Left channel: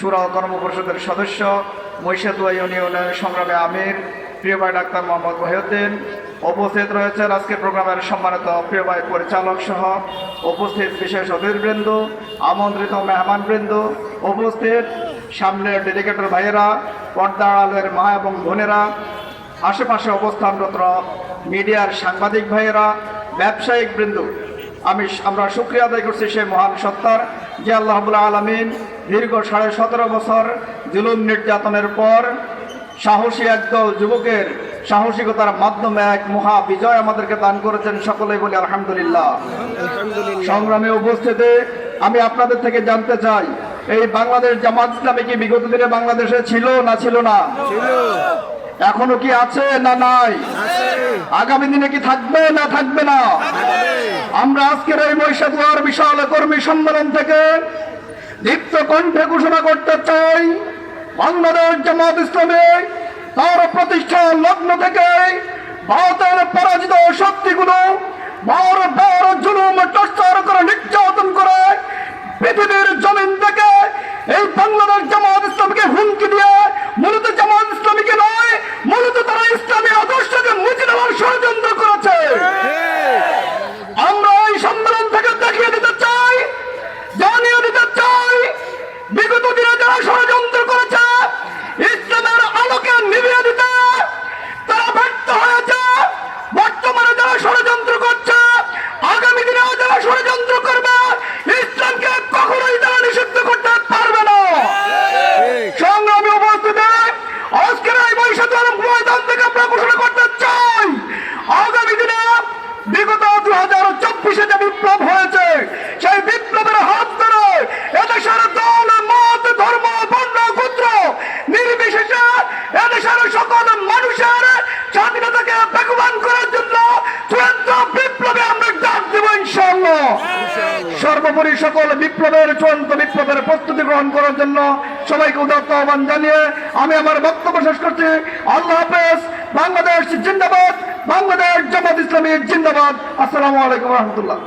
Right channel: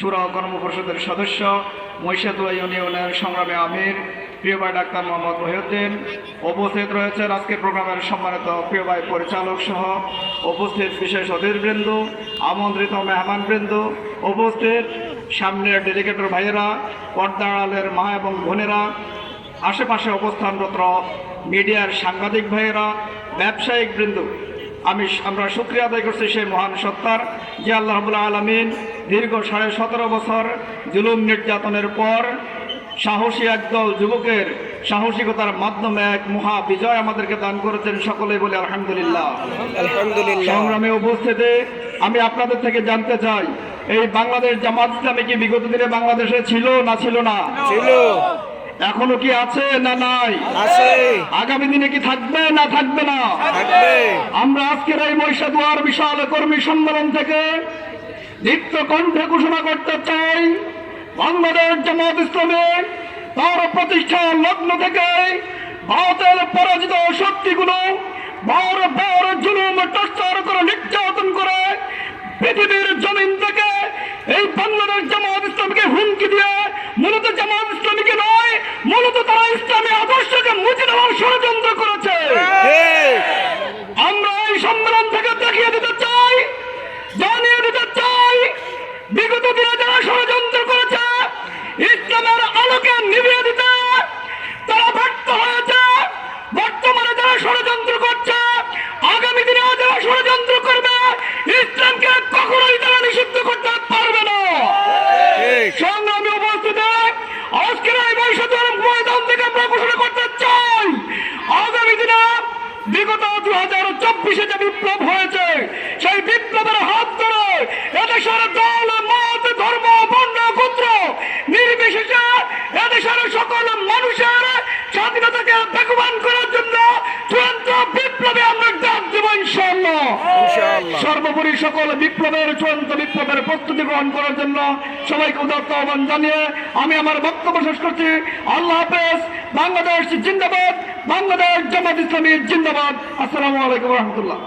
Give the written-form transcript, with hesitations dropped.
শুরা ও কর্ম পরিষদের সদস্য, মহিষাদুয়া ইউনিয়নের সংগ্রামী আমির প্রিয় ভাই ডাক্তার মোহাম্মদ মহিউদ্দিন, উপস্থিত রয়েছেন আজকে প্রোগ্রামের সম্মানিত প্রিয় ভাই পরিচালক সহ উপস্থিত বিশেষ অতিথিবৃন্দ, আমন্ত্রিত মেহমানবৃন্দ, উপস্থিত সামনের ডেলিগেটর ভাইয়েরা, পর্দার আড়ালের মা এবং বোনেরা, আশেপাশে অবস্থানরত মিডিয়ার সাংবাদিক ভাইয়েরা, ব্যবসায়িক বৃন্দ, আমরা শুকরিয়া আদায় করছি সেই মহান সত্তার যে আল্লাহ রাব্বুল আলামিন দীর্ঘ 17.5 বছর জুলুম নির্যাতনের পর সাহসী একদল যুবকের সাহসিকতার মাধ্যমে এক মহা বিজয় আমাদেরকে দান করেছেন। সকলেই বলি আলহামদুলিল্লাহ। সংগ্রামী উপস্থিতি, আমি আপনাদের থেকে জানতে চাই, এই বাংলাদেশ জামাত ইসলামী কি বিগত দিনে বাংলাদেশে ছিল না ছিল না? এখনো কি আছে না নাই? আগামী দিনে কি থাকবে না থাকবে না? আমরা আজকের এই মহিষাদুয়ার বিশাল কর্মী সম্মেলন থেকে দীপ্ত কণ্ঠে ঘোষণা করতে চাই, বাংলাদেশ জামাত ইসলামী তার প্রতিষ্ঠার লগ্ন থেকে ভারতের পরাজিত শক্তিগুলো বড় বড় জুলুম টর্চার করে নির্যাতন করে পৃথিবীর জমিন থেকে এই বাংলাদেশ জামাত ইসলামীকে হুমকি দিয়ে মূলত জামাত ইসলামীকে নয়, মূলত তারা ইসলামী আদর্শকে মুছে দেওয়ার ষড়যন্ত্র করেছে। আমরা এই সম্মেলন থেকে দেখিয়ে দিতে চাই, জানিয়ে দিতে চাই, বিগত দিনে যারা ষড়যন্ত্র করেছে ইসলামের আলোকে নিভিয়ে দিতে তারা ব্যর্থ হয়েছে। বর্তমানে যারা ষড়যন্ত্র করছে, আগামী দিনে যারা ষড়যন্ত্র করবে, ইসলামকে কখনোই তারা নিষিদ্ধ করতে পারবে না। সংগ্রামী উপস্থিতি, আজকের এই মহিষাদুয়ার ময়দান থেকে আমরা ঘোষণা করতে চাই, আগামী দিনে বিগত 2024 যে বিপ্লব হয়েছে, সেই বিপ্লবের হাত ধরে এদেশের দল, মত, ধর্ম, বর্ণ, গোত্র নির্বিশেষে এদেশের সকল মানুষের স্বাধীনতাকে বেগবান করার জন্য চূড়ান্ত বিপ্লবে আমরা ডাক দেব ইনশাআল্লাহ। সর্বোপরি সকল চূড়ান্ত বিপ্লবের প্রস্তুতি গ্রহণ করার জন্য সবাইকে উদাত্ত আহ্বান জানিয়ে আমি আমার বক্তব্য শেষ করছি। আল্লাহ হাফেজ। বাংলাদেশ জিন্দাবাদ, বাংলাদেশ জামাত ইসলামী জিন্দাবাদ। আসসালামু আলাইকুম রহমতুল্লাহ।